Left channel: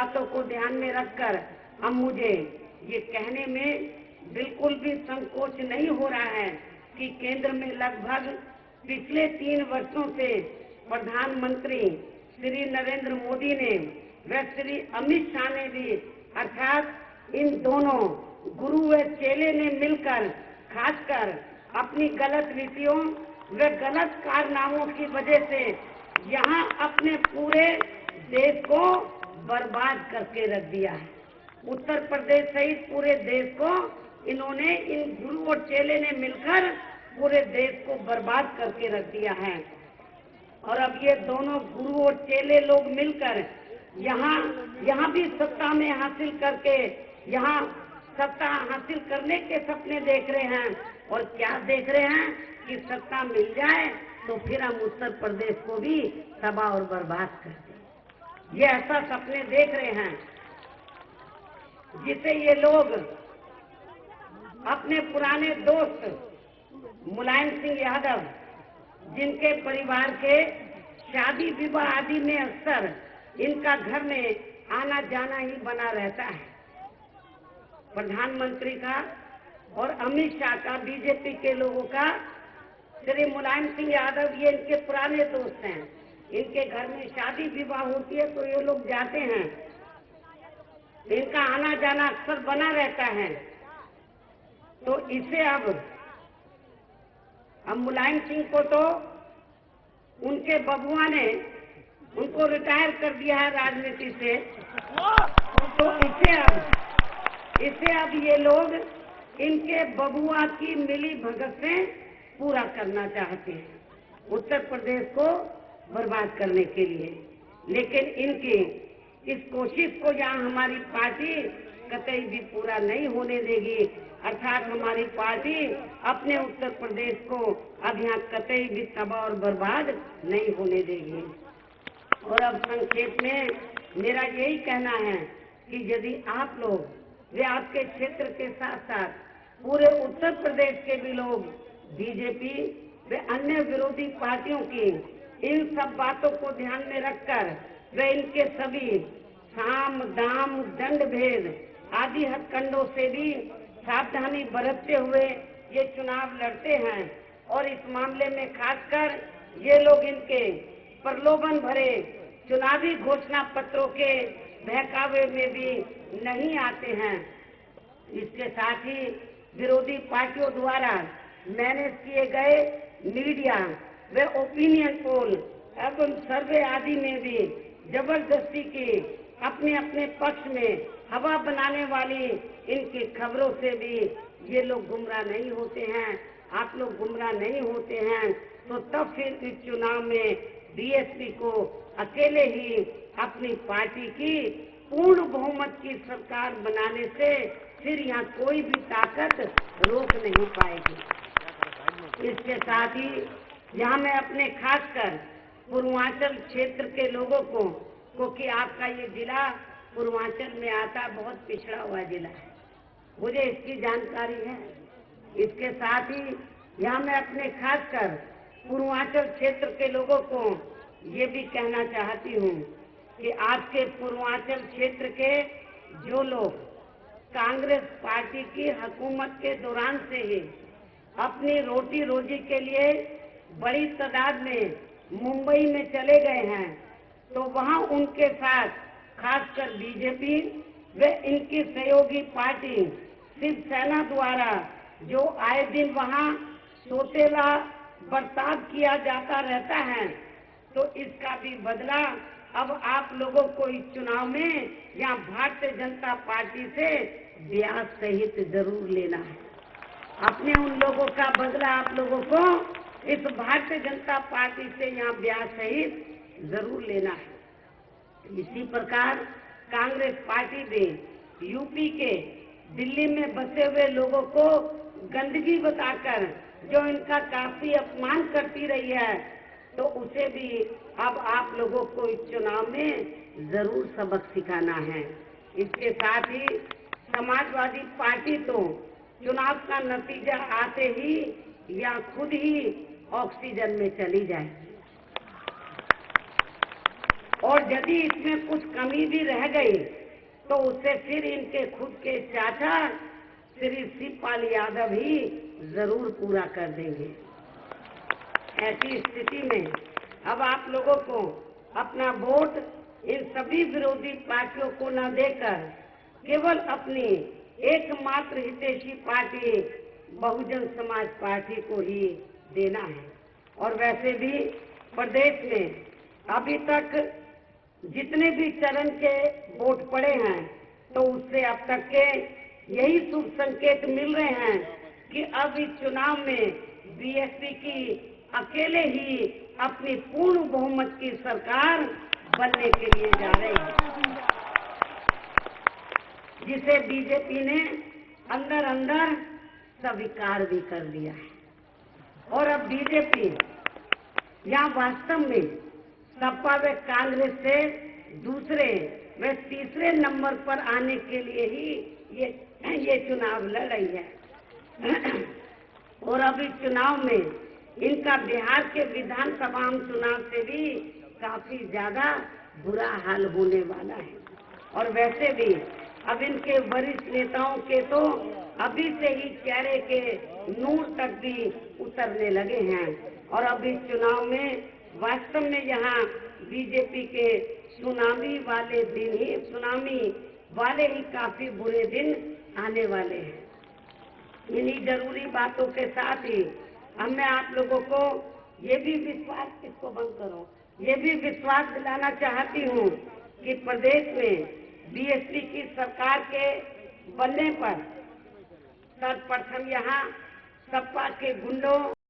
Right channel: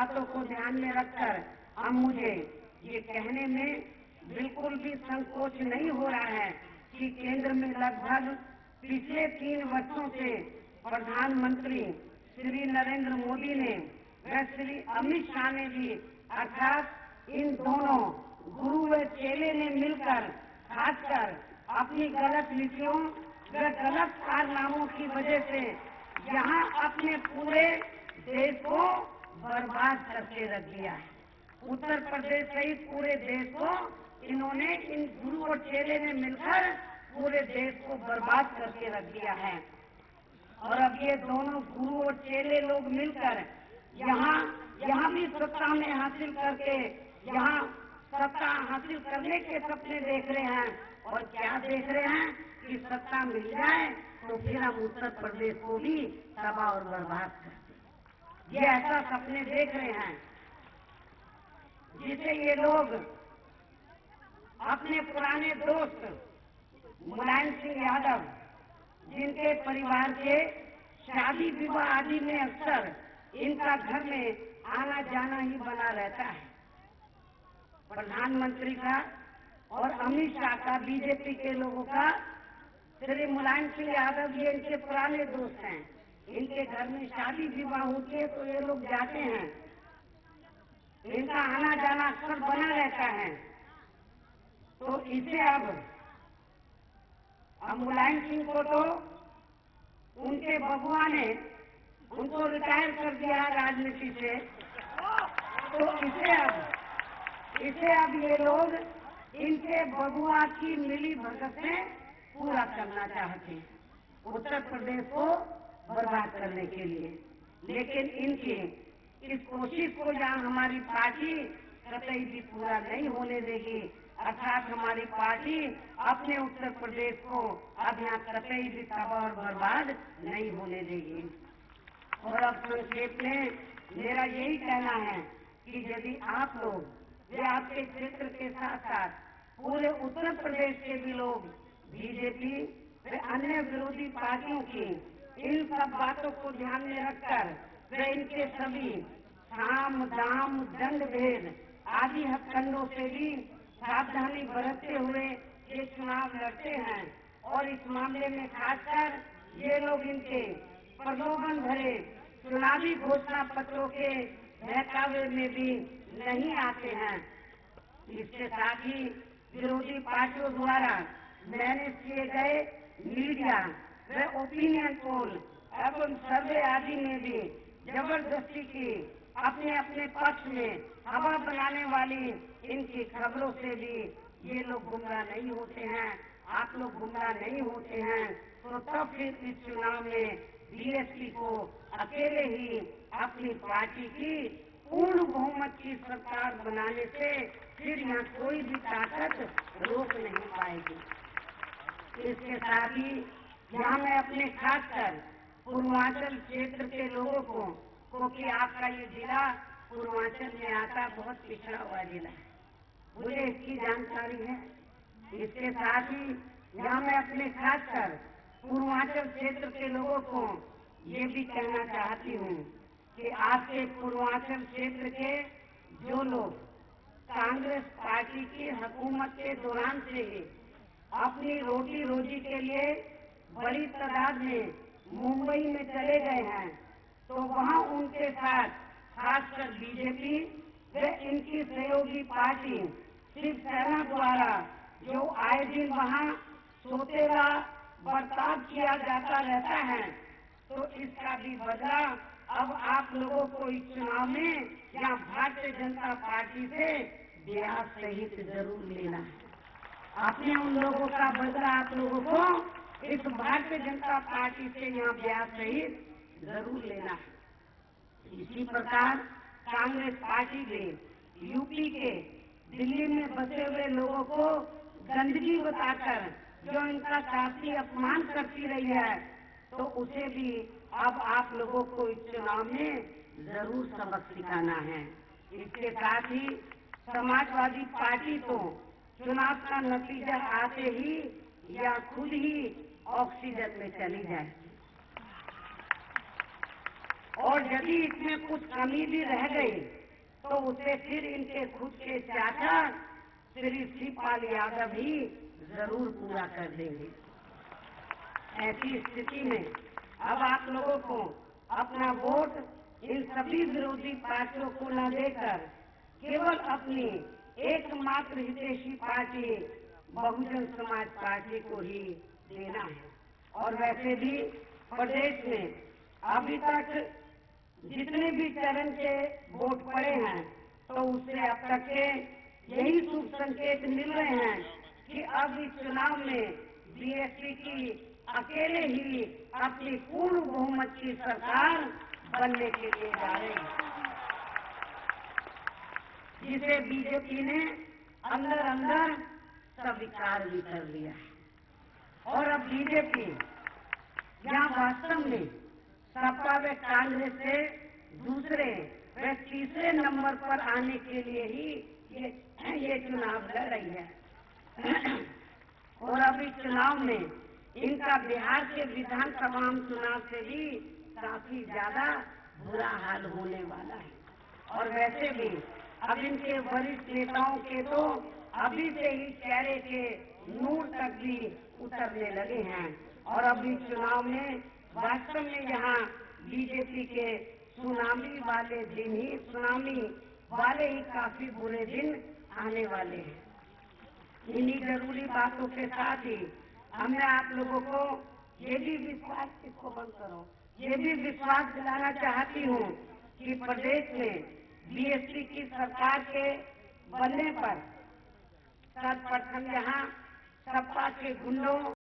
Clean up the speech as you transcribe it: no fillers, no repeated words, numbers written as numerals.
बातों को ध्यान में रखकर अब मुझे ये कहने में बिल्कुल भी संकोच नहीं हो रहा है कि केंद्र में लगभग पिछले 3 वर्षों से प्रधानमंत्री श्री नरेंद्र मोदी ने व श्री अमित शाह ने भी अर्थात इन दोनों गुरु व चेले ने मिलकर खासकर अपनी गलत नीतियों व गलत कारनामों की वजह से यहाँ अपने पूरे देश को बर्बाद करके रख दिया है। उत्तर प्रदेश सहित पूरे देश को इन्होंने, इन गुरु और चेले ने मिलकर पूरे देश को बर्बाद करके रख दिया है। और अब ये दोनों गुरु और चेले लोग मिलकर यहाँ भी सत्ता में हासिल करके, यहाँ सत्ता हासिल करने के सपने देख रहे हैं। और क्या देख रहे हैं कि सत्ता मिल जाए तो फिर हम उत्तर प्रदेश को भी तबाह और बर्बाद कर दें। ये ऐसा सपने देख रहे हैं जिसे ये लोग अपने पुराने दोस्त मुलायम सिंह यादव, जिनके परिवार के शादी विवाह आदि में अक्सर इनका घर में आना जाना ही बना रहता है, प्रधानमंत्री का और अमित शाह का, बीजेपी के लोगों का, श्री मुलायम सिंह यादव, ये इनके पुराने दोस्त हैं। इनके घर में शादी विवाह होती है तो ये लोग जाते हैं, इनका आना जाना अक्सर बना रहता है। तो इसे अब मुलायम सिंह को तो उनके बबुआ ने उनको रिटायर कर दिया है राजनीति से, तो इसे अब ये लोग इनके बबुआ की मिली भगत से पूरा करना चाहते हैं, उत्तर प्रदेश को बर्बाद करने के लिए। लेकिन इनकी इस कोशिश को यहाँ हमारी पार्टी कतई भी पूरा नहीं होने देगी। अर्थात हमारी पार्टी अपने उत्तर प्रदेश को अब यहाँ कतई भी तबाह और बर्बाद नहीं होने देगी। और अब संक्षेप में मेरा यही कहना है कि यदि आप लोग, ये आपके क्षेत्र के साथ साथ पूरे उत्तर प्रदेश के भी लोग बीजेपी व अन्य विरोधी पार्टियों की इन सब बातों को ध्यान में रखकर वे इनके सभी साम दाम दंड भेद आदि हथकंडों से भी सावधानी बरतते हुए ये चुनाव लड़ते हैं। और इस मामले में खासकर ये लोग इनके प्रलोभन भरे चुनावी घोषणा पत्रों के बहकावे में भी नहीं आते हैं। इसके साथ ही विरोधी पार्टियों द्वारा मैनेज किए गए मीडिया व ओपिनियन पोल एवं सर्वे आदि में भी जबरदस्ती की अपने अपने पक्ष में हवा बनाने वाली इनकी खबरों से भी ये लोग गुमराह नहीं होते हैं। आप लोग गुमराह नहीं होते हैं तो तब फिर इस चुनाव में बीएसपी को अकेले ही अपनी पार्टी की पूर्ण बहुमत की सरकार बनाने से फिर यहाँ कोई भी ताकत रोक नहीं पाएगी। इसके साथ ही यहाँ मैं अपने खासकर पूर्वांचल क्षेत्र के लोगों को, क्योंकि आपका ये जिला पूर्वांचल में आता, बहुत पिछड़ा हुआ जिला है, मुझे इसकी जानकारी है। इसके साथ ही यहाँ मैं अपने खासकर पूर्वांचल क्षेत्र के लोगों को ये भी कहना चाहती हूँ कि आपके पूर्वांचल क्षेत्र के जो लोग कांग्रेस पार्टी की हुकूमत के दौरान से ही अपनी रोटी रोजी के लिए बड़ी तादाद में मुंबई में चले गए हैं, तो वहाँ उनके साथ खासकर बीजेपी व इनकी सहयोगी पार्टी शिवसेना द्वारा जो आए दिन वहाँ सोतेला बर्ताव किया जाता रहता है, तो इसका भी बदला अब आप लोगों को इस चुनाव में या भारतीय जनता पार्टी से ब्याज सहित जरूर लेना है। अपने उन लोगों का बदला आप लोगों को इस भारतीय जनता पार्टी से यहाँ ब्याज सहित जरूर लेना है। इसी प्रकार कांग्रेस पार्टी ने यूपी के दिल्ली में बसे हुए लोगों को गंदगी बताकर जो इनका काफी अपमान करती रही है, तो उसे भी अब आप लोगों को इस चुनाव में जरूर सबक सिखाना है। इसके साथ ही समाजवादी पार्टी तो चुनाव का नतीजा आते ही या खुद ही ऑक्सीजन में चली जाए, और यदि इसमें कुछ कमी कमी भी रह गई तो उसे फिर इनके खुद के चाचा श्री शिवपाल यादव ही जरूर पूरा कर देंगे। ऐसी स्थिति में अब आप लोगों को अपना वोट इन सभी विरोधी पार्टियों को न देकर केवल अपनी एकमात्र हितैषी पार्टी बहुजन समाज पार्टी को ही देना है। और वैसे भी प्रदेश में अभी तक जितने भी चरण के वोट पड़े हैं तो उससे अब तक के यही शुभ संकेत मिल रहे हैं कि अब इस चुनाव में बीएसपी की अकेले ही अपनी पूर्ण बहुमत की सरकार बनने के लिए जा रही है, जिसे बीजेपी ने अंदर अंदर स्वीकार भी कर लिया है। और अब बीजेपी या वास्तव में सपा व कांग्रेस से दूसरे व तीसरे नंबर पर आने के लिए ही ये चुनाव लड़ रही है। और अब इस चुनाव में इनका बिहार के विधानसभा चुनाव से भी काफी ज्यादा बुरा हाल होने वाला है। और वैसे भी अब इनके वरिष्ठ नेताओं के तो अभी से ही चेहरे के नूर तक भी उतरने लगे हैं। और अब इस चुनाव में वास्तव में यहाँ बीजेपी के सुनामी वाले ही काफी बुरे दिन आने वाले हैं। इन्हीं जरूरी बातों के साथ ही अब मैं आप लोगों को ये भी विश्वास दिलाना चाहती हूँ कि प्रदेश में बीएसपी की सरकार के बनने पर सर्वप्रथम यहाँ सपा के गुंडों